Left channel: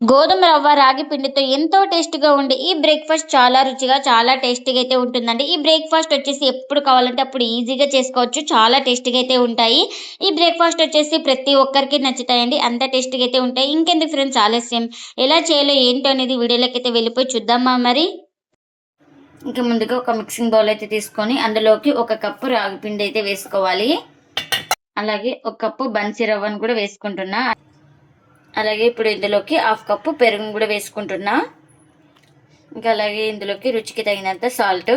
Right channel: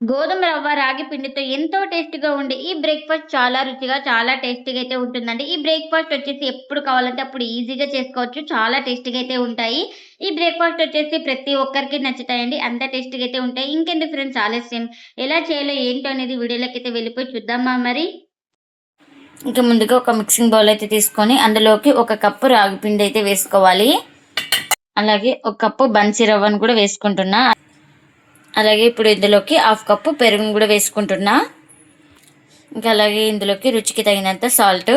గోధుమ రవ్వ, రాగి పిండితో ఎంతో టేస్టీగా ఉండే ఈ బ్రేక్‌ఫాస్ట్ చాలా రుచిగా, చాలా టేస్టీగా అయితే ఉంటుందండి. ఈ బ్రేక్‌ఫాస్ట్ వచ్చేసి ఎప్పుడు కావాలంటే అప్పుడు ఈజీగా చేసుకోవచ్చు. చాలా టేస్టీగా అయితే ఉంటాయి. ఈ బ్రేక్‌ఫాస్ట్ వచ్చేసి ప్రతి ఒక్కరికి నచ్చుతాయండి. అంత టేస్టీగా అయితే ఉంటాయి. ఇంకెందుకు ఫ్రెండ్స్ ఆలస్యం, ఎలా చేయాలో ఏంటో అనేది వీడియోలోకైతే వెళ్ళిపోయి చూద్దామా మరి? ఇంక ముందుగా ఒక మిక్సింగ్ బౌల్ అయితే తీసుకొని అందులోకి ఒక కప్పు రాగి పిండి అయితే వేసుకోవాలి. అలాగే ఒక కప్పు బన్సీ రవ్వను కూడా వేసుకుంటున్నా. అలాగే ఇప్పుడు ఇందులోకి హాఫ్ కప్పు పెరుగును కూడా వేసుకుంటున్నా. ఇంకా అలాగే ఇందులోకి రుచికి తగినంత సాల్ట్,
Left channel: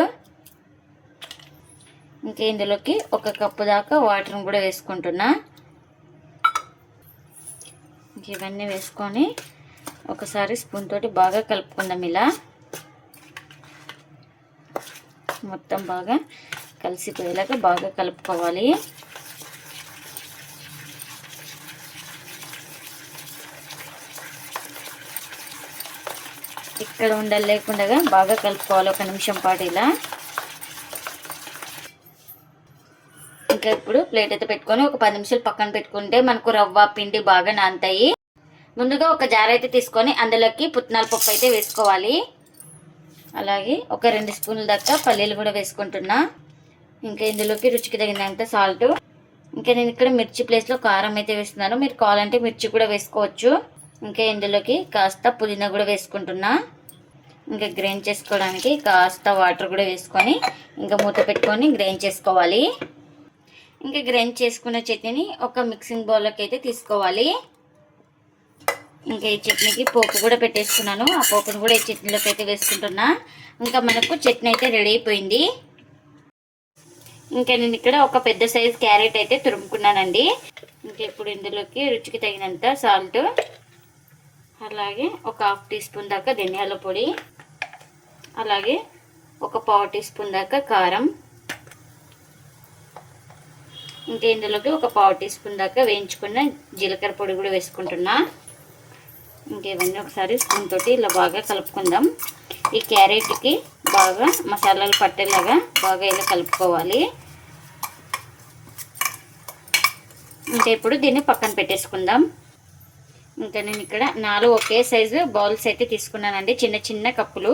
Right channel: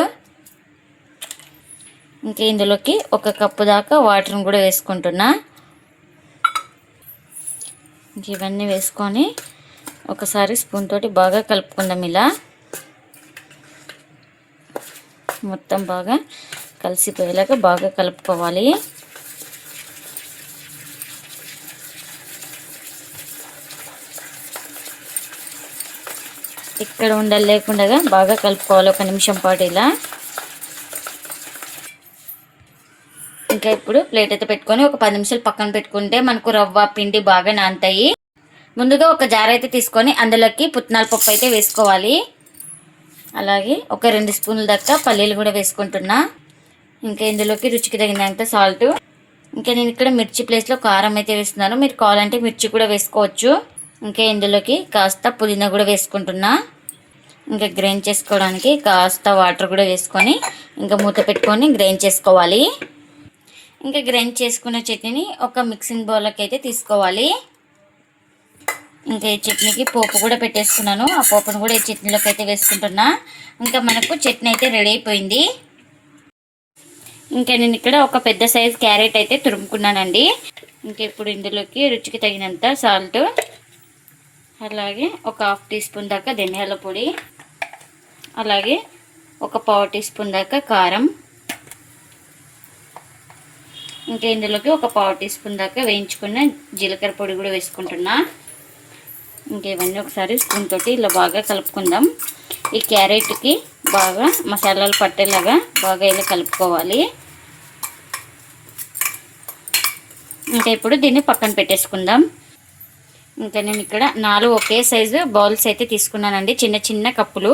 ఇంకా ఇందులోకి ఒక కప్పు దాకా వాటర్ని కూడా వేసుకుంటున్నా. ఇంక ఇవన్నీ వేసుకొని ఒకసారి స్పూన్ తోటి బాగా కలుపుకుందాం. ఇలా మొత్తం బాగా కలిసిపోయేలాగా బాగా కలుపుకోవాలి. ఇక్కడ ఉండలు లేకుండా బాగా కలుపుకోవాలి ఒక నిమిషం పాటు ఇలా. ఇంకా ఇప్పుడు ప్లేట్ అయితే పెట్టుకొని ఒక 10 నిమిషాలు పక్కన పెట్టుకుంటే మనకు రవ్వ పిండి బాగా నానతాయి. ముందుగా ఒక జార్ అయితే తీసుకొని అందులోకి పుట్నాల పప్పు అయితే వేసుకోవాలి. అలాగే ఒక 2 స్పూన్ల దాకా పల్లీలు కూడా వేసుకుంటున్నా. ఇంకా ఇందులోకి రుచికి తగినంత సాల్ట్. ఇంకా నేను ఇక్కడ మిర్చి ప్లేస్లో కారం అయితే వేస్తున్నాను. మీరు కావాలంటే మిర్చి కూడా వేసుకోవచ్చు. ఇంకా ఇందులోకి కాస్త పుదీనా కూడా వేసుకుంటున్నా. ఇంకా గ్రైండ్ చేసుకోవడానికి కాస్త వాటర్ కూడా వేసుకొని ఇంకా మూత పెట్టుకొని గ్రైండ్ చేసుకోవాలి. ఇంకా గ్రైండ్ చేసుకున్న చట్నీని ఒక మిక్సింగ్ బౌల్లోకి అయితే తీసుకోవాలి. ఇంకా ఈ చట్నీకి పోపు కూడా పెట్టేసుకున్నాను. ఆ పోపును కూడా ఈ చట్నీలోకి అయితే వేసుకుంటున్నా. ఇంకా మనకు చట్నీ అయితే రెడీ అయిపోయింది. ఇంకా నేను ఇక్కడ ఒక పెద్ద సైజ్ క్యారెట్ అయితే తురుముకున్నానండి. ఇంకా ఇప్పుడు ఇందులోకి రుచికి తగినంత సాల్ట్, అలాగే ఒక హాఫ్ టీ స్పూన్ దాకా ధనియాల పొడి, అలాగే ఒక పావు టీ స్పూన్ దాకా కారం, ఇంకా ఇందులోకి ఒక పావు టీ స్పూన్ దాకా వేయించుకున్న జీలకర్ర పొడి కూడా వేసుకుంటున్నా. ఇంకా ఇవన్నీ ఒకసారి స్పూన్ తోటి ఇలా బాగా కలుపుకుందాం. ఈ క్యారెట్కి బాగా మసాలాలు పట్టేలాగా బాగా ఇలా కలుపుకోవాలి. ఇంకా ఇప్పుడు దీన్ని పక్కన పెట్టేసుకుందాం. ఇంకా నేను ఇక్కడ 4 ఒకే సైజు బౌల్స్ అయితే తీసుకున్నానండి, చిన్న చిన్న కప్పులు.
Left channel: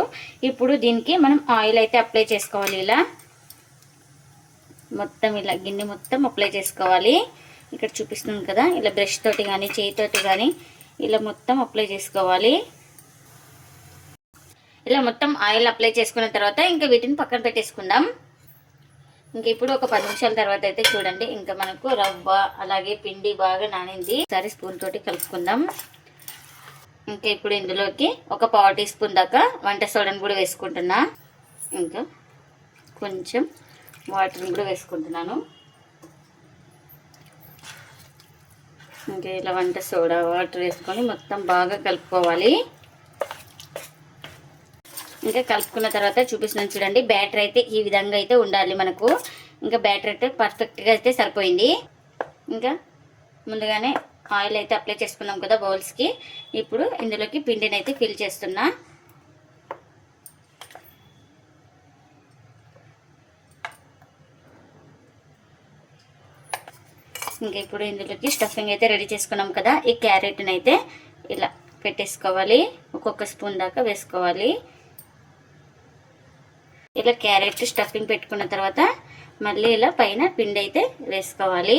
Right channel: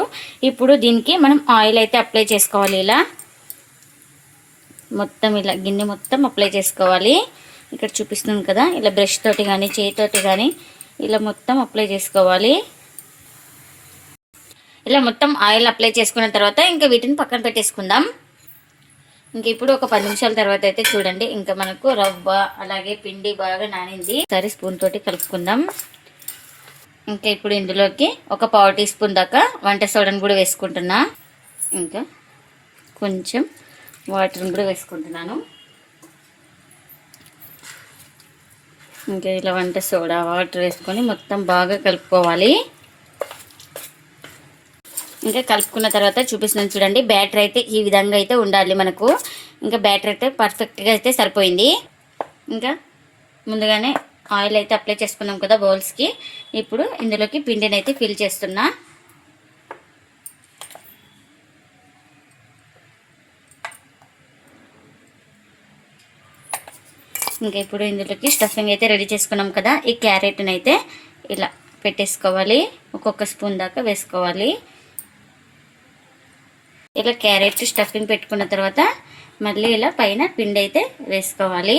ఇప్పుడు దీనికి మనం ఆయిల్ అయితే అప్లై చేసుకోవాలి. ఇలా మొత్తం ఇలా గిన్నె మొత్తం అప్లై చేసుకోవాలి. ఇక్కడ చూపిస్తున్నాను కదా, ఇలా బ్రష్ తోటి కానీ చేయితోటి కానీ ఇలా మొత్తం అప్లై చేసుకోవాలి. ఇలా మొత్తం ఆయిల్ అప్లై చేసుకున్న తర్వాత ఇంకా వీటిని పక్కన పెట్టేసుకుందాం. ఇంక ఇప్పుడు ఒక 10 నిమిషాల తర్వాత అయితే చూడండి, ఇంకా మనకు రవ్వ అలాగే పిండి బాగా నానింది. ఒకసారి స్పూన్ తోటి కలుపుకుందాం. ఇంకా ఇప్పుడు ఇందులోకి ఒక పావు టీ స్పూన్ దాకా వంట సోడాను కూడా వేసుకుంటున్నా. ఇంకా కొంచెం వాటర్ని కూడా వేసుకుంటున్నాను. ఇంకా ఇలా వంట సోడా వాటర్ వేసుకొని మొత్తం బాగా కలుపుకోవాలి. ఇంకా కలుపుకున్న తర్వాత చూపిస్తున్నాను చూడండి, బ్యాటర్ అయితే ఈ విధంగా అయితే ఉండాలి మనకు. ఇంకా బ్యాటర్ అయితే పర్ఫెక్ట్గా అయితే సరిపోయింది. ఇంకా ముందుగానే ఆయిల్ అయితే అప్లై చేసుకున్నాం కదా బౌల్స్కి. ఇప్పుడు ఇందులోకి పిండిని అయితే ఫిల్ చేస్తున్నా. ఇంకా ఇప్పుడు ఇందులోకి స్టఫింగ్ అయితే రెడీ చేసుకున్నాం కదా, ఈ క్యారెట్ని అయితే ఇలా పెట్టేసుకోవాలి. ఒక్కొక్క స్పూన్ దాకా వేసుకోవాలి. ఇలా క్యారెట్ స్టఫింగ్ పెట్టుకున్న తర్వాత మళ్ళీ ఇలా పైన పిండి అయితే వేసుకోవాలి.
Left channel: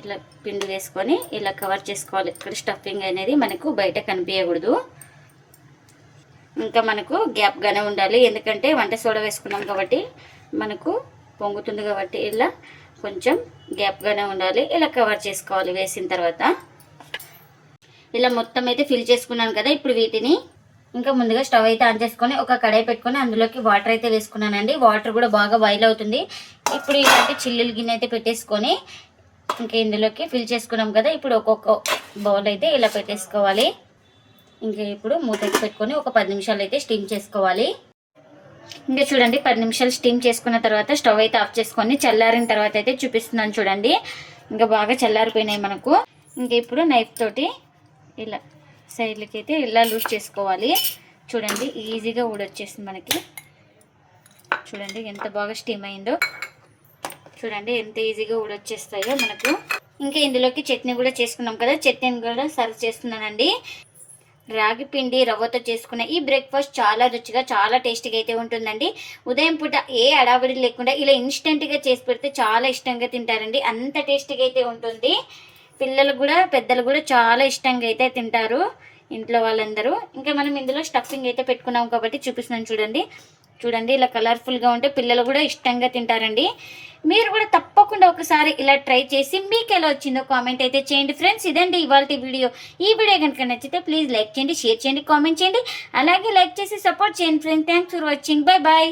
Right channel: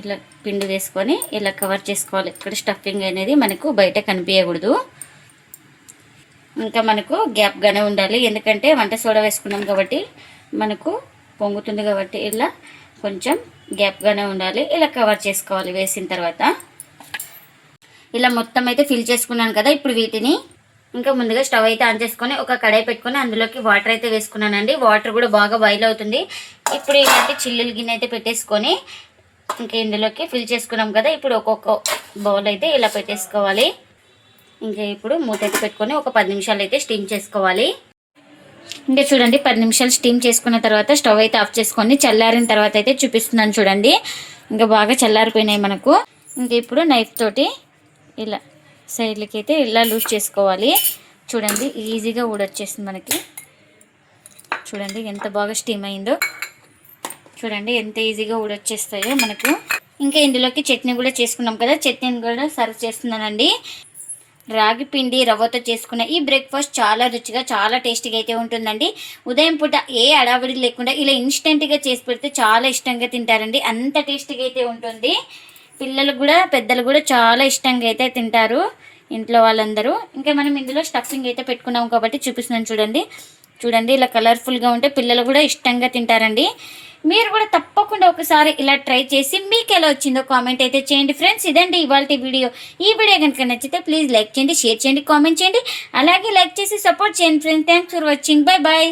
ఇలా పిండి వేసుకొని ఇలా కవర్ చేసుకోవాలి. ఇక్కడ స్టఫింగ్ అనేది మనకు బయట కనిపించకూడదు. ఇంకా మనకు గ్యాప్గానే ఉండాలి, ఎందుకంటే వంట సోడా వేసుకున్నాం కాబట్టి మనకు పొంగుతుంది కాబట్టి ఇలా కొంచెం గ్యాప్గానే ఉండాలి. ఇలా కవర్ చేసుకోవాలి వేసిన తర్వాత. ఇలా మొత్తం అయితే ఫిల్ చేసుకున్నాను కదా. ఇప్పుడు వీటిని ఇంకా ముందుగా స్టవ్ అయితే ఆన్ చేసుకొని ఒక కడాయి పెట్టుకొని అందులోకి వాటర్ అయితే వేసుకున్నానండి. వాటర్ కూడా బాగా బాయిల్ అవుతుంది. ఇప్పుడు ఇలాంటి చిల్లులు గిన్నె అయితే పెట్టేసుకొని ఇంకా ఇందులోకి ఫిల్ చేసుకున్నాం కదా. ఇప్పుడు ఒక్కొక్క బౌల్ అయితే ఇలా పెట్టేసుకోవాలి. ఇంకా ఇప్పుడు మూత పెట్టుకొని ఒక 10 నిమిషాలు అయితే స్టీమ్ చేసుకోవాలి. ఇంకా చూడండి 10 నిమిషాలు స్టీమ్ చేసుకున్న తర్వాత స్టవ్ అయితే ఆఫ్ చేసుకొని చల్లారిన తర్వాత అయితే చూపిస్తున్నాను చూడండి. ఇంకా బాగా చల్లారిపోయినాయి మనకు. ఇంకా ఇప్పుడు నైఫ్ తోటి ఇలా సైడ్లకి అయితే ఇలా లూజ్ చేసుకోవాలి. చూడండి ఈజీగా ఊడొచ్చేస్తుంది మనకి. చూడండి ఎంత బాగా స్టీమ్ అయిందో. చూడండి ఎంత ఈజీగా ఊడొచ్చేస్తాయో మనకు. ఇంకా ఇందులోకి చట్నీ కూడా చేసుకున్నాం కదా, చట్నీని కూడా సర్వ్ చేస్తున్నానండి. రాగి పిండి రవ్వతో చేసుకున్న ఈ బ్రేక్ఫాస్ట్ చాలా రుచిగా చాలా టేస్టీగా అయితే ఉంటుందండి. ఉదయం పూట ఏ అడావిడి లేకుండా ఇలా ఇన్స్టెంట్గా చేసి పెడితే చాలా ఇష్టంగా తింటారండి. అంత టేస్టీగా అయితే ఉంటుంది. పిల్లలు కూడా పెద్దలు కూడా చాలా ఇష్టంగా అయితే తింటారు ఇంట్లో వాళ్ళందరూ. ఇంకా మనం ఇందులో స్టఫింగ్ అయితే పెట్టుకున్నాం కాబట్టి చూపిస్తున్నాను చూడండి. చూడండి ఇలా కలర్ఫుల్గా ఉంటే పిల్లలు కూడా ఇష్టంగా తింటారండి. మీరు కూడా తప్పకుండా ఒకసారి ఇలా ట్రై చేసి మీకు ఎలా వచ్చిందో కామెంట్ అయితే చేయండి ఫ్రెండ్స్. ఇదండి ఇవాళ వీడియో. ఈ వీడియో కనుక నచ్చితే ప్లీజ్ లైక్ చేయండి, షేర్ చేయండి, కామెంట్ చేయండి. అలాగే లైక్ చేసి సపోర్ట్ చేయండి friends. Thanks for watching. Bye bye.